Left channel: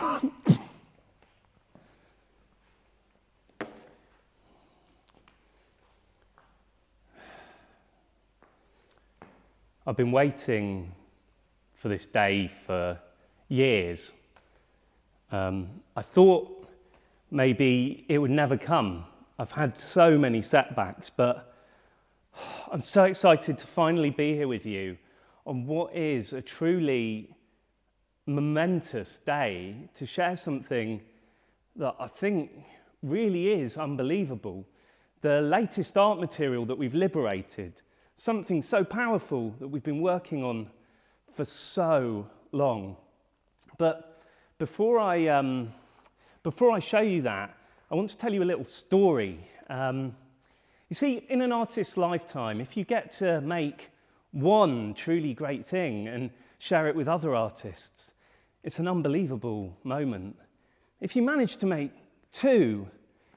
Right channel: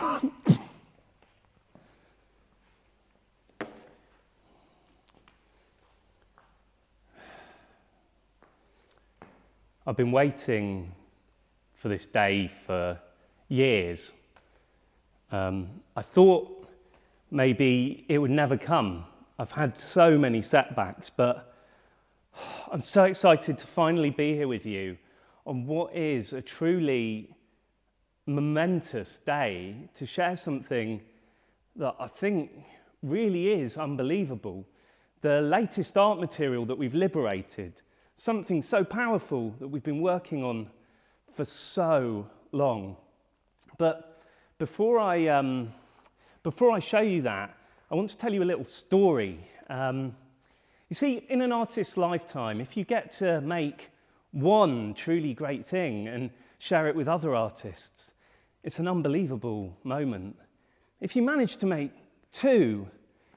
I've been waiting for this day for years. I thought maybe it would never come. I've had so many setbacks, but I'm so excited to finally be here with you on what is a truly momentous day to share something that I think really is unbelievable. The latest art material that we've liberated, something so powerful that we've been working on for so long. But before I show you that, I want to tell you a little story. You see, in an artist's lifetime, if you get to make one truly great thing and share it with other artists, it's an unbelievable moment. If you manage to make two,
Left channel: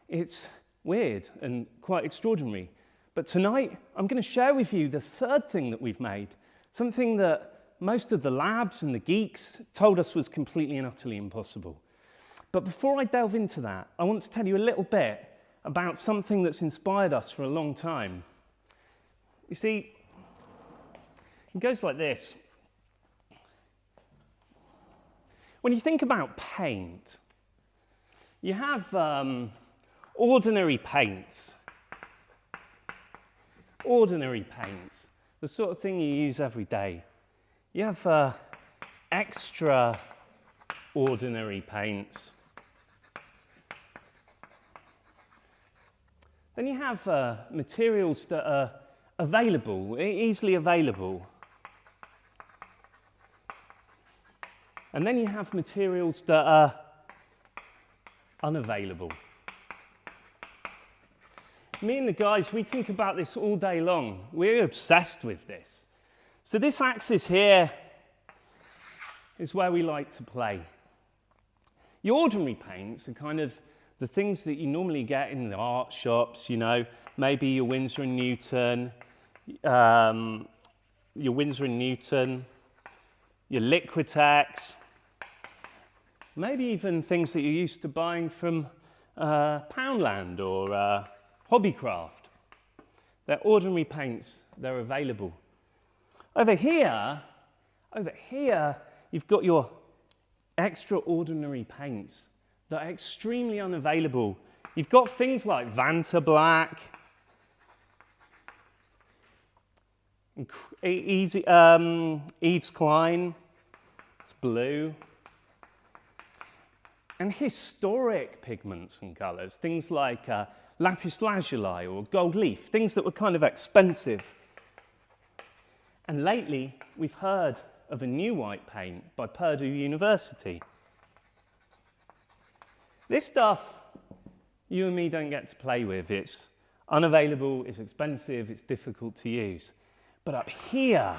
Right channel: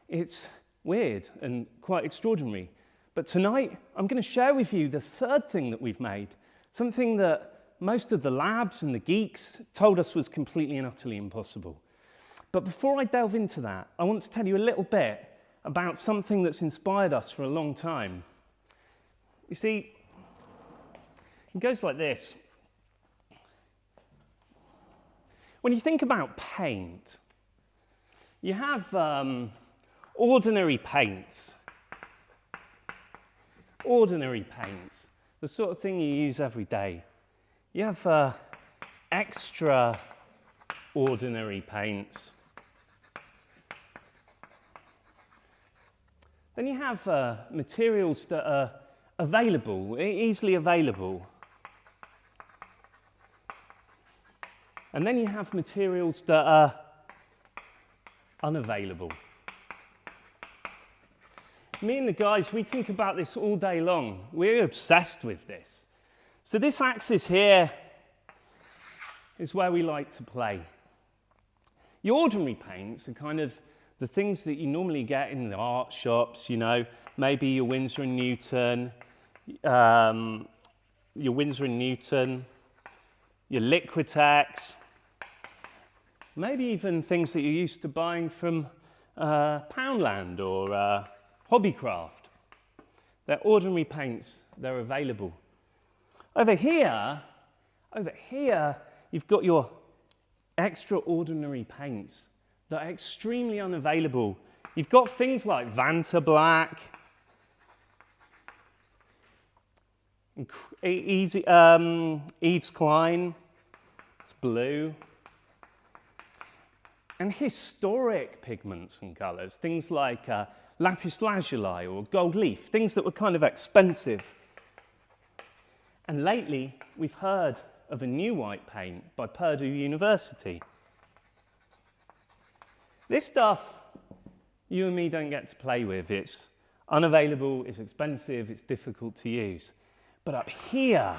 it's weird and quite extraordinary. But tonight, I'm going to share with you the third thing that we've made, something that most of the labs and the geeks told us was completely and utterly impossible. But before I delve into that, I want to tell you a little bit about something that's inspired us for a long time. You see, it goes like this. When you think about paint, you have ordinary paints. Ordinary paints, the sort of thing you use every day. You have extraordinary paints. Then you have materials that are available, easily available. And then you have materials that are unavailable. Me and the guys, we think about this all day long. We're obsessed with this. So this axis here is where we like to play. Your ordinary paints are kind of the things that you normally get in the art shops, you know, maybe your Winsor & Newton, your Liquitex, maybe even things that you're used to buying from Poundland or Hobbycraft. They're ordinary paints, they're available. Over here, you've got your extraordinary paints that are extremely unavailable. You've got things like Vanta Black, Yves Klein, it's blue, and historic pigments and colours, things like lapis lazuli or gold leaf, things that were kind of expensive. And lately, we've heard of a new white paint by Purdue University. This stuff, you and me don't get to play with. It's unavailable, it's expensive, it's difficult to use. But up here's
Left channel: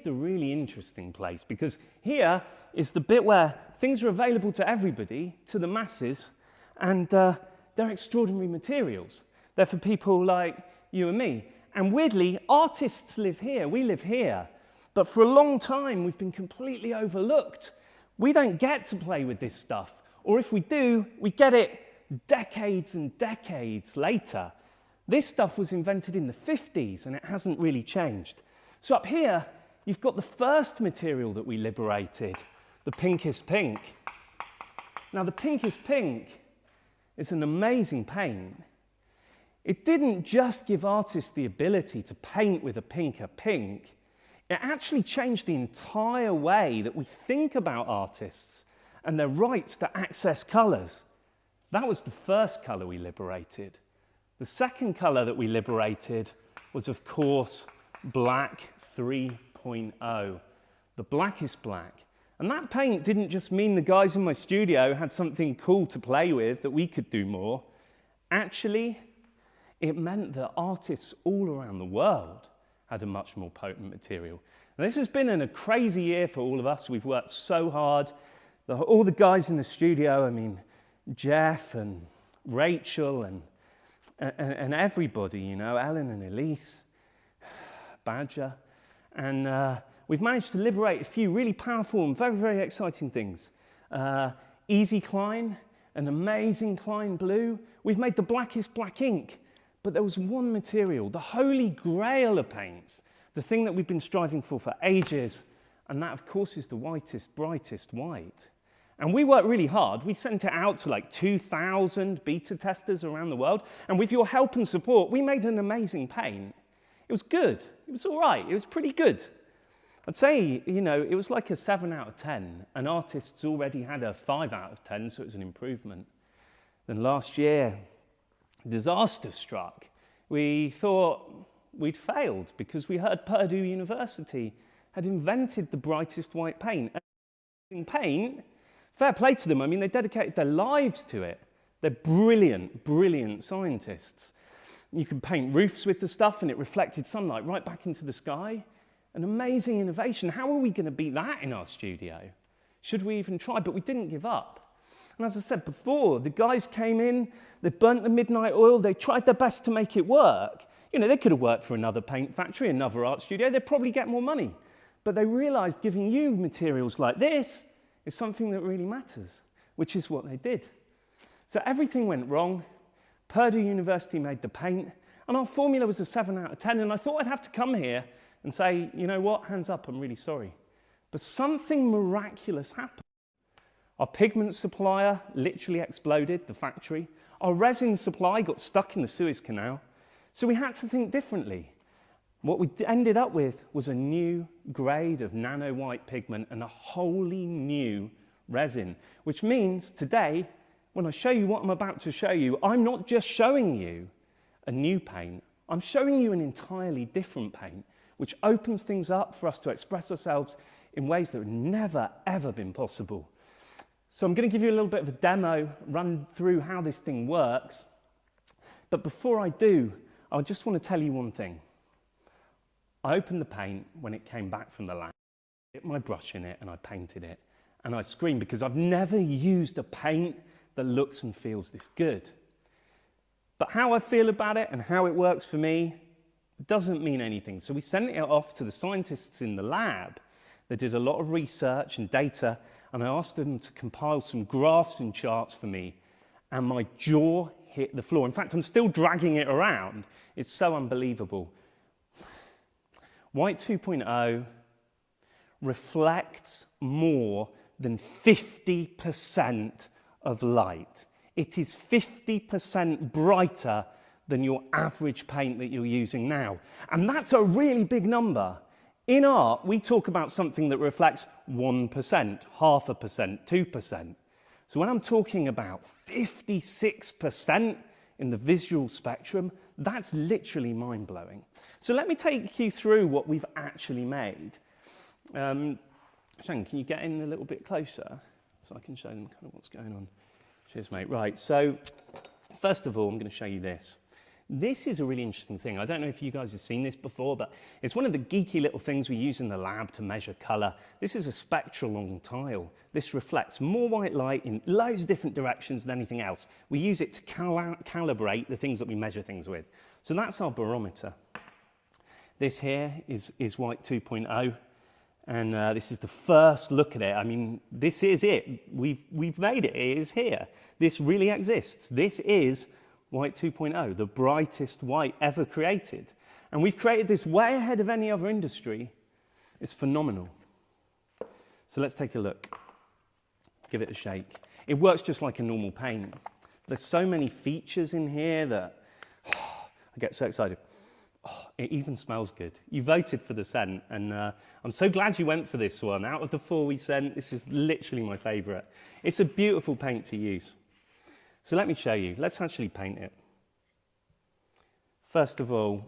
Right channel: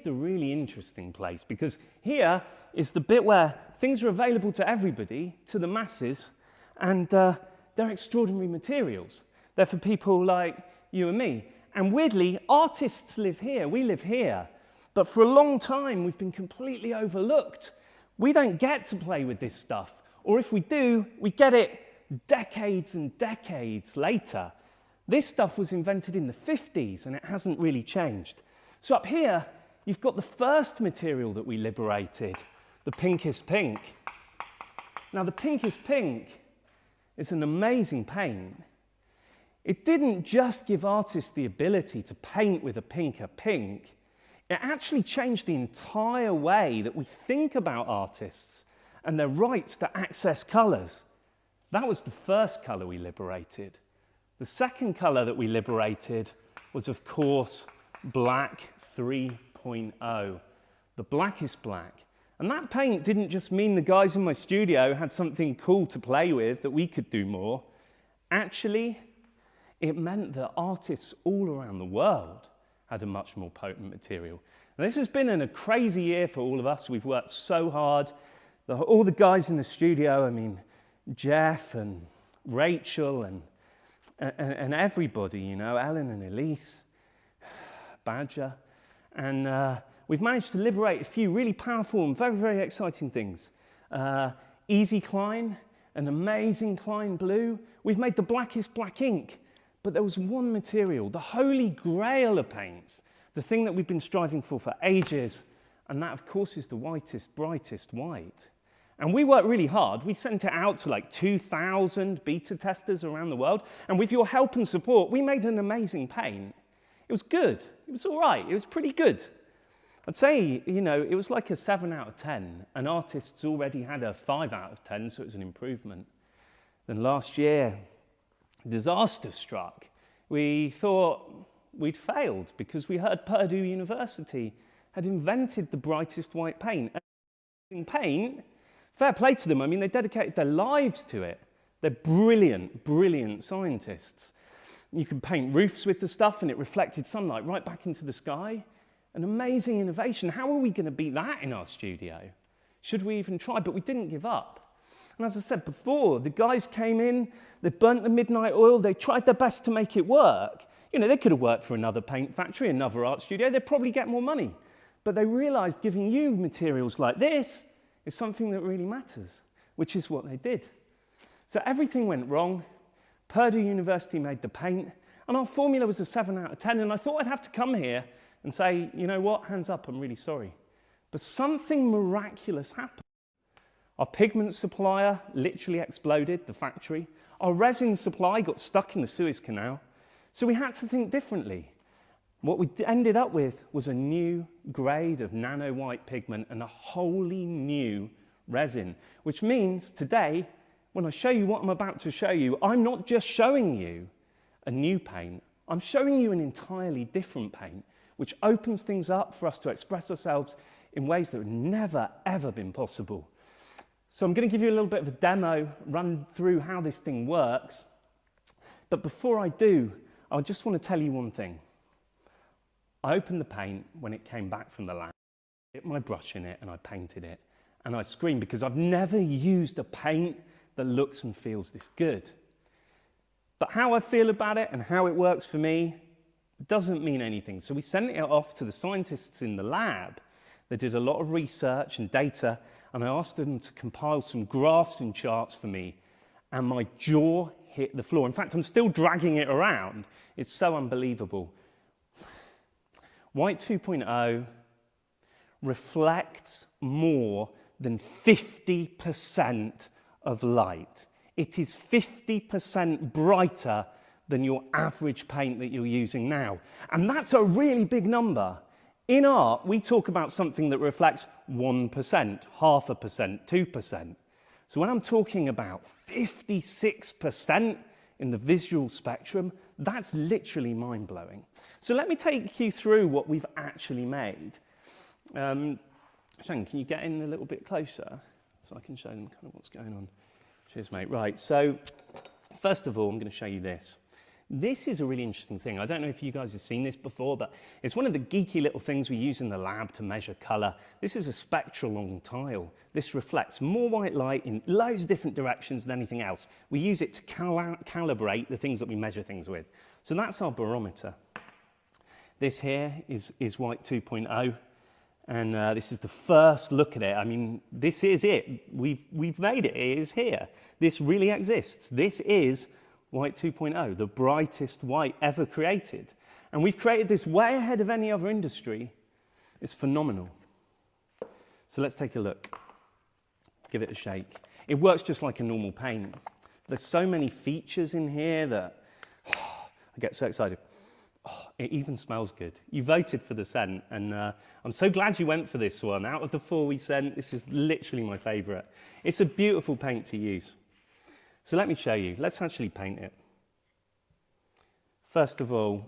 the really interesting place, because here is the bit where things are available to everybody, to the masses, and they're extraordinary materials. They're for people like you and me. And weirdly, artists live here, we live here. But for a long time, we've been completely overlooked. We don't get to play with this stuff. Or if we do, we get it decades and decades later. This stuff was invented in the 50s, and it hasn't really changed. So up here, you've got the first material that we liberated, the pinkest pink. Now, the pinkest pink is an amazing paint. It didn't just give artists the ability to paint with a pinker pink, it actually changed the entire way that we think about artists and their rights to access colours. That was the first colour we liberated. The second colour that we liberated was, of course, Black 3.0, the blackest black. And that paint didn't just mean the guys in my studio had something cool to play with, that we could do more. Actually, it meant that artists all around the world had a much more potent material. And this has been a crazy year for all of us. We've worked so hard. All the guys in the studio, I mean, Jeff and Rachel and everybody, you know, Ellen and Elise, Badger. And we've managed to liberate a few really powerful and very, very exciting things. Easy Climb, an amazing Climb blue. We've made the blackest black ink. But there was one material, the holy grail of paints, the thing that we've been striving for ages, and that, of course, is the whitest, brightest white. And we worked really hard. We sent it out to like 2,000 beta testers around the world, and with your help and support, we made an amazing paint. It was good. It was all right. It was pretty good. I'd say, you know, it was like a 7 out of 10, and artists already had a 5 out of 10, so it was an improvement. Then last year, disaster struck. We thought we'd failed because we heard Purdue University had invented the brightest white paint. And paint, fair play to them. I mean, they dedicated their lives to it. They're brilliant, brilliant scientists. You could paint roofs with the stuff and it reflected sunlight right back into the sky. An amazing innovation. How are we going to beat that in our studio? Should we even try? But we didn't give up. And as I said before, the guys came in, they burnt the midnight oil, they tried their best to make it work. You know, they could have worked for another paint factory, another art studio, they'd probably get more money. But they realized giving you materials like this is something that really matters, which is what they did. So everything went wrong. Purdue University made the paint, and our formula was a 7 out of 10, and I thought I'd have to come here and say, you know what, hands up, I'm really sorry. But something miraculous happened. Our pigment supplier literally exploded, the factory. Our resin supply got stuck in the Suez Canal. So we had to think differently. What we ended up with was a new grade of nano white pigment and a wholly new resin, which means today, when I show you what I'm about to show you, I'm not just showing you a new paint, I'm showing you an entirely different paint, which opens things up for us to express ourselves in ways that have never, ever been possible. So I'm going to give you a little bit of a demo, run through how this thing works. But before I do, I just want to tell you one thing. I opened the paint when it came back from the lab, dipped my brush in it and I painted it. And I screamed because I've never used a paint that looks and feels this good. But how I feel about it and how it works for me doesn't mean anything. So we sent it off to the scientists in the lab. They did a lot of research and data, and I asked them to compile some graphs and charts for me, and my jaw hit the floor. In fact, I'm still dragging it around. It's so unbelievable. White 2.0 reflects more than 50% of light. It is 50% brighter than your average paint that you're using now. And that's a really big number. In art, we talk about something that reflects 1%, 0.5%, 2%. So when I'm talking about 56% in the visual spectrum, that's literally mind-blowing. So let me take you through what we've actually made. Shane, can you get in a little bit closer so I can show them kind of what's going on? Cheers, mate. Right, so first of all, I'm going to show you this. This is a really interesting thing. I don't know if you guys have seen this before, but it's one of the geeky little things we use in the lab to measure color. This is a spectral on tile. This reflects more white light in loads of different directions than anything else. We use it to calibrate the things that we measure things with. So that's our barometer. This here is white 2.0, and this is the first look at it. I mean, this is it. We've made it. It is here. This really exists. This is white 2.0, the brightest white ever created. And we've created this way ahead of any other industry. It's phenomenal. So let's take a look. Give it a shake. It works just like a normal paint. There's so many features in here that I get so excited. It even smells good. You voted for the scent, and I'm so glad you went for this one. Out of the 4 we sent, this is literally my favorite. It's a beautiful paint to use. So let me show you. Let's actually paint it. First of all,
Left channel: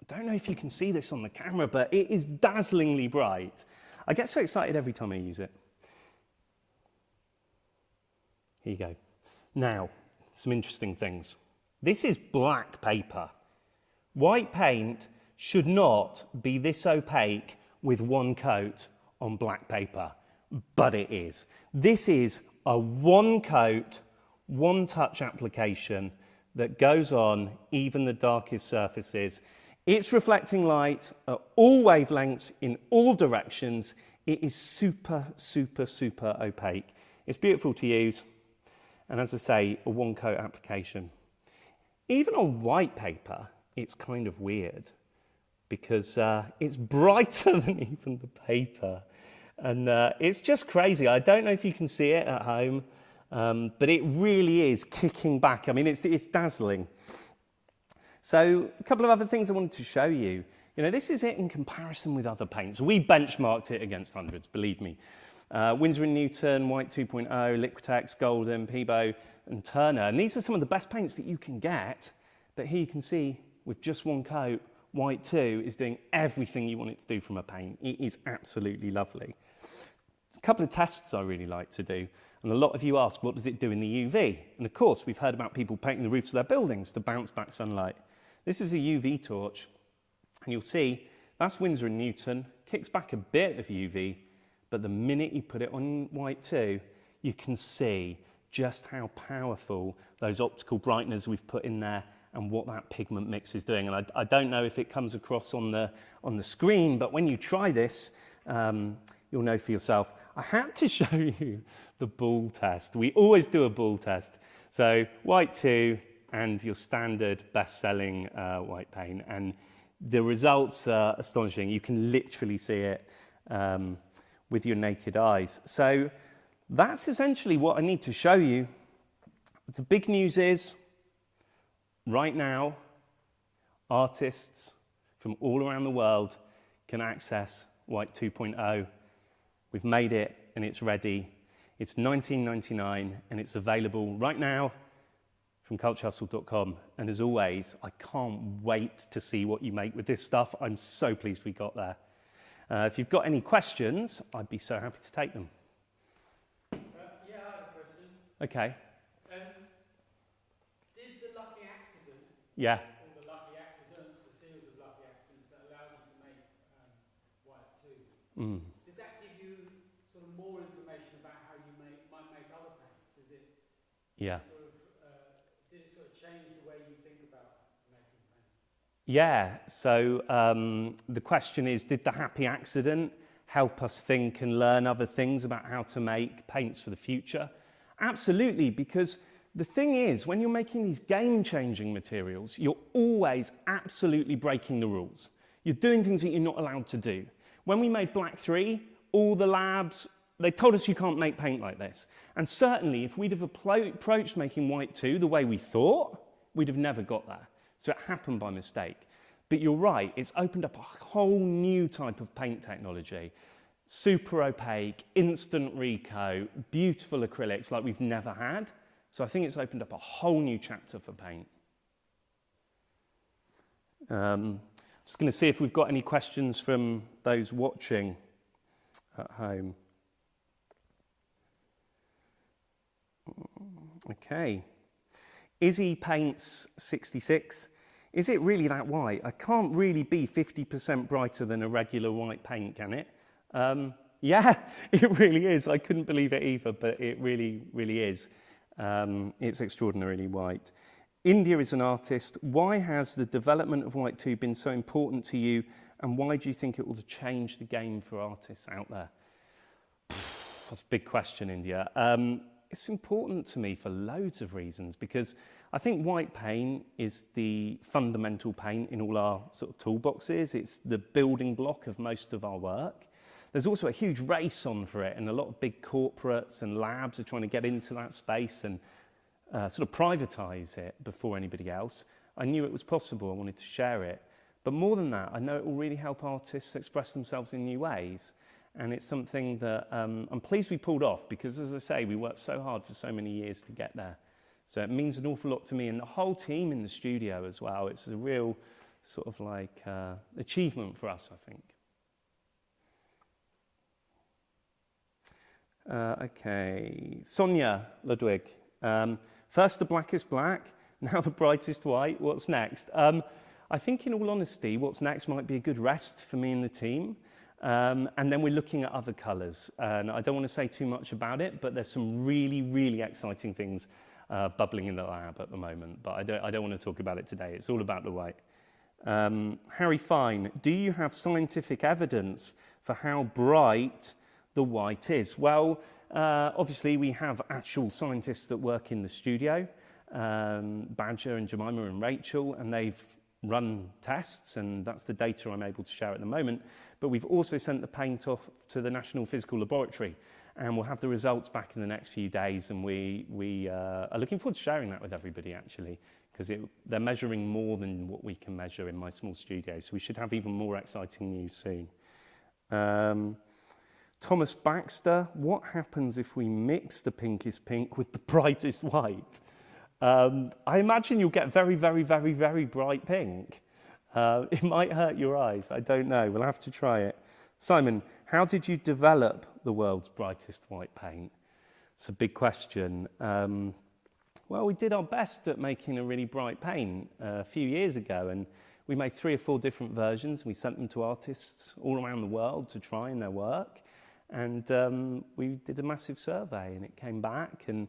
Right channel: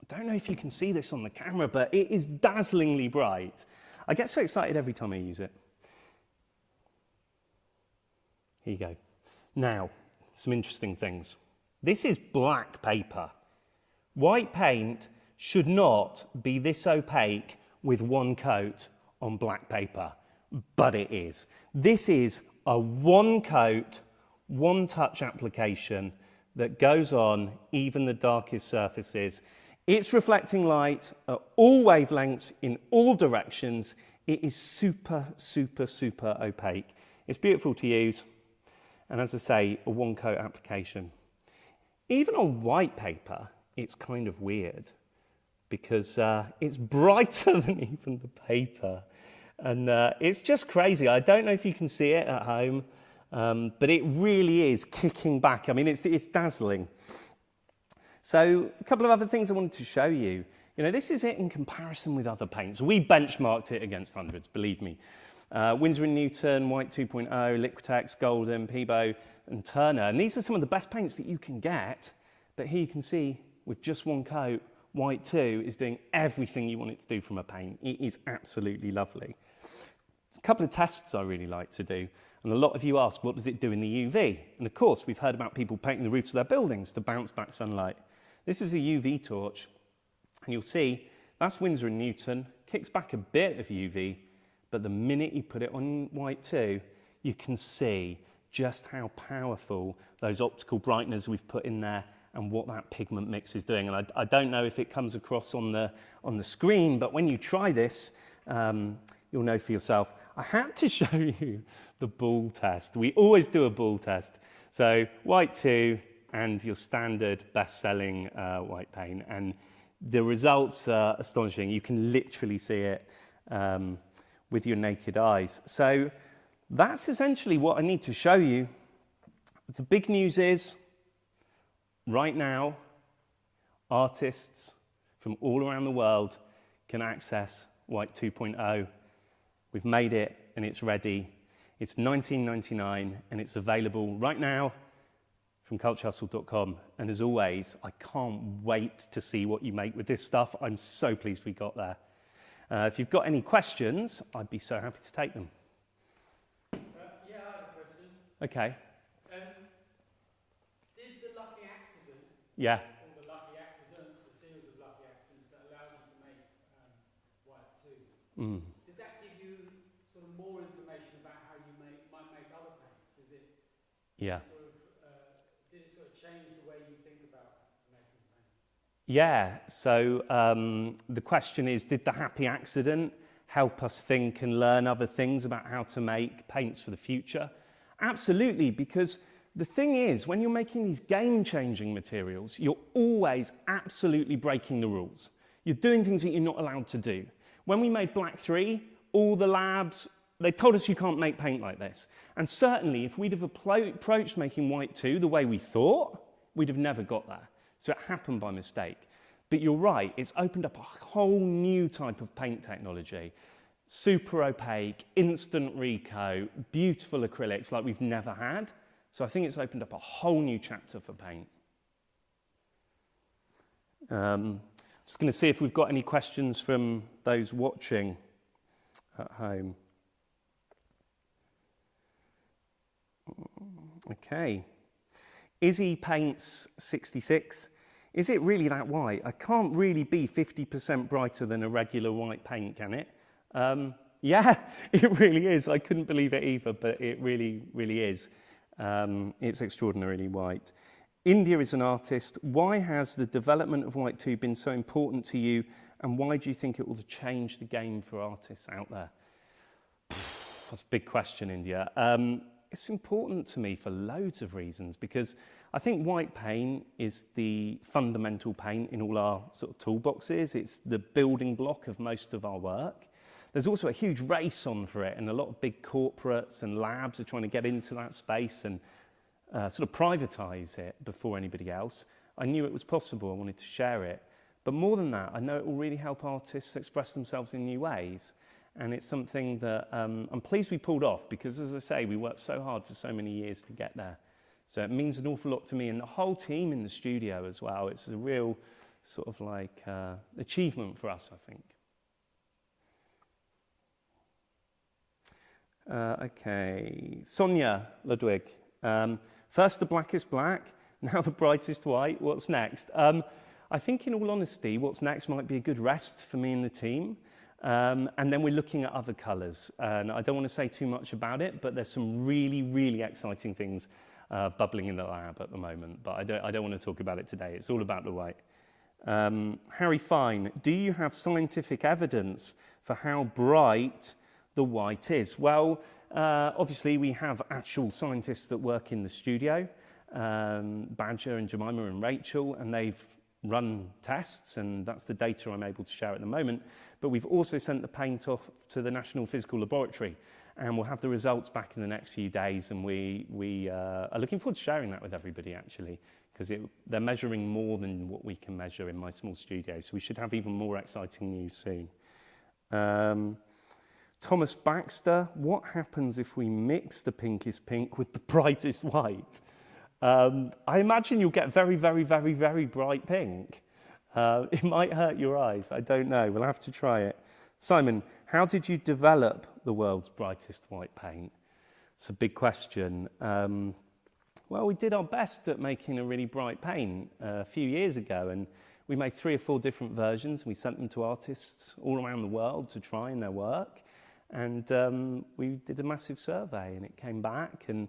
I don't know if you can see this on the camera, but it is dazzlingly bright. I get so excited every time I use it. Here you go. Now, some interesting things. This is black paper. White paint should not be this opaque with one coat on black paper, but it is. This is a one coat, one touch application that goes on even the darkest surfaces. It's reflecting light at all wavelengths in all directions. It is super, super, super opaque. It's beautiful to use, and as I say, a one-coat application. Even on white paper, it's kind of weird because it's brighter than even the paper. And it's just crazy. I don't know if you can see it at home, but it really is kicking back. I mean, it's dazzling. So a couple of other things I wanted to show you. You know, this is it in comparison with other paints. We benchmarked it against hundreds, believe me. Winsor & Newton, White 2.0, Liquitex, Golden, Peebo, and Turner. And these are some of the best paints that you can get. But here you can see, with just one coat, White 2 is doing everything you want it to do from a paint. It is absolutely lovely. There's a couple of tests I really like to do. And a lot of you ask, what does it do in the UV? And of course, we've heard about people painting the roofs of their buildings to bounce back sunlight. This is a UV torch. And you'll see, that's Winsor & Newton, kicks back a bit of UV, but the minute you put it on White 2, you can see just how powerful those optical brighteners we've put in there and what that pigment mix is doing. And I don't know if it comes across on the screen, but when you try this, you'll know for yourself. I had to show you the ball test. We always do a ball test. So White 2 and your standard best-selling white paint, and the results are astonishing. You can literally see it with your naked eyes. So that's essentially what I need to show you. The big news is, right now, artists from all around the world can access White 2.0. We've made it and it's ready. It's $19.99 and it's available right now from culturehustle.com. And as always, I can't wait to see what you make with this stuff. I'm so pleased we got there. If you've got any questions, I'd be so happy to take them. Yeah, I have a question. Okay. Did the lucky accident, Yeah. or the lucky accidents, a series of lucky accidents that allowed you to make White 2, did that give you sort of more information about how you might make other paints? Is it Yeah. did it sort of change the way you think about making paints? Yeah, so the question is, did the happy accident help us think and learn other things about how to make paints for the future? Absolutely, because the thing is, when you're making these game-changing materials, you're always absolutely breaking the rules. You're doing things that you're not allowed to do. When we made Black 3, all the labs, they told us you can't make paint like this. And certainly, if we'd have approached making White 2 the way we thought, we'd have never got there. So it happened by mistake. But you're right, it's opened up a whole new type of paint technology. Super opaque, instant recoat, beautiful acrylics like we've never had. So I think it's opened up a whole new chapter for paint. Just going to see if we've got any questions from those watching at home. Okay. Izzy Paints 66. Is it really that white? I can't really be 50% brighter than a regular white paint, can it? Yeah, it really is. I couldn't believe it either, but it really, really is. It's extraordinarily white. India is an artist. Why has the development of White 2 been so important to you, and why do you think it will change the game for artists out there? That's a big question, India. It's important to me for loads of reasons, because I think white paint is the fundamental paint in all our sort of toolboxes. It's the building block of most of our work. There's also a huge race on for it, and a lot of big corporates and labs are trying to get into that space and sort of privatize it before anybody else. I knew it was possible. I wanted to share it. But more than that, I know it will really help artists express themselves in new ways. And it's something that I'm pleased we pulled off, because, as I say, we worked so hard for so many years to get there. So it means an awful lot to me and the whole team in the studio as well. It's a real sort of like achievement for us, I think. Okay, Sonia Ludwig. First the blackest black, now the brightest white. What's next? I think, in all honesty, what's next might be a good rest for me and the team. And then we're looking at other colours. And I don't want to say too much about it, but there's some really, really exciting things bubbling in the lab at the moment. But I don't want to talk about it today. It's all about the white. Harry Fine, do you have scientific evidence for how bright the white is? Well, Obviously, we have actual scientists that work in the studio, Badger and Jemima and Rachel, and they've run tests, and that's the data I'm able to share at the moment. But we've also sent the paint off to the National Physical Laboratory, and we'll have the results back in the next few days, and we are looking forward to sharing that with everybody, actually, because they're measuring more than what we can measure in my small studio, so we should have even more exciting news soon. Thomas Baxter, what happens if we mix the pinkest pink with the brightest white? I imagine you'll get very, very, very, very bright pink. It might hurt your eyes, I don't know, we'll have to try it. Simon, how did you develop the world's brightest white paint? It's a big question. Well, we did our best at making a really bright paint a few years ago, and we made 3 or 4 different versions. We sent them to artists all around the world to try in their work, and we did a massive survey, and it came back, and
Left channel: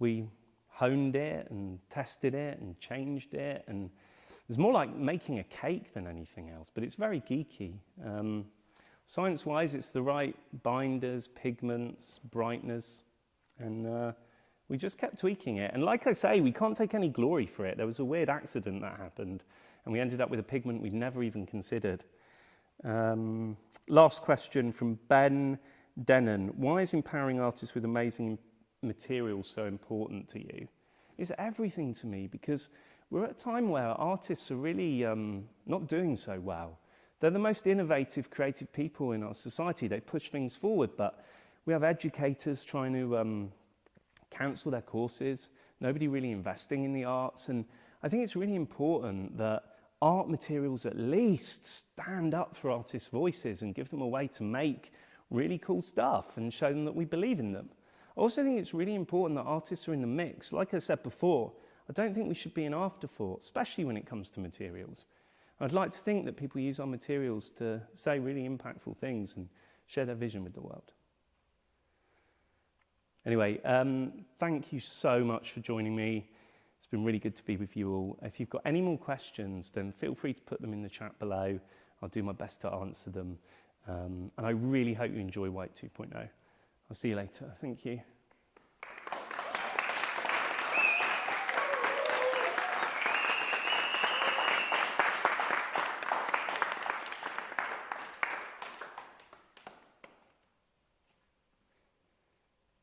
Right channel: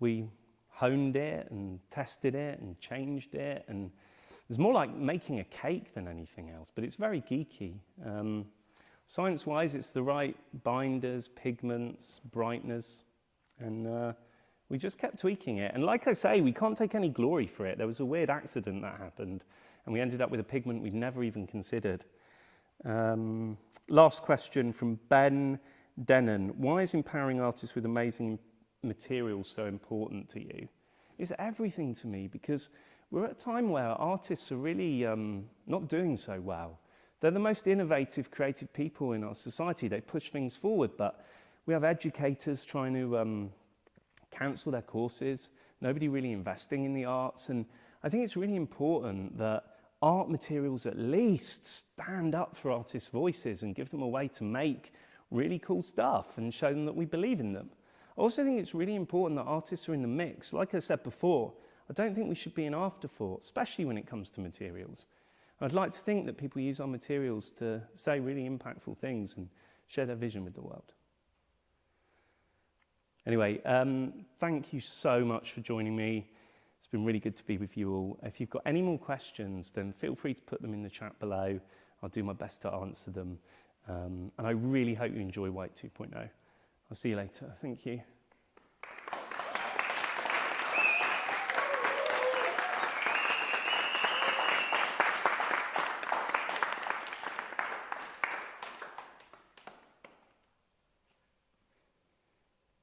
we honed it and tested it and changed it, and it was more like making a cake than anything else, but it's very geeky. Science-wise, it's the right binders, pigments, brightness, and we just kept tweaking it. And like I say, we can't take any glory for it. There was a weird accident that happened, and we ended up with a pigment we'd never even considered. Last question from Ben Denon. Why is empowering artists with amazing materials so important to you? It's everything to me, because we're at a time where artists are really not doing so well. They're the most innovative, creative people in our society. They push things forward, but we have educators trying to cancel their courses, nobody really investing in the arts, and I think it's really important that art materials at least stand up for artists' voices and give them a way to make really cool stuff and show them that we believe in them. I also think it's really important that artists are in the mix. Like I said before, I don't think we should be an afterthought, especially when it comes to materials. I'd like to think that people use our materials to say really impactful things and share their vision with the world. Anyway, thank you so much for joining me. It's been really good to be with you all. If you've got any more questions, then feel free to put them in the chat below. I'll do my best to answer them. And I really hope you enjoy White 2.0. I'll see you later. Thank you.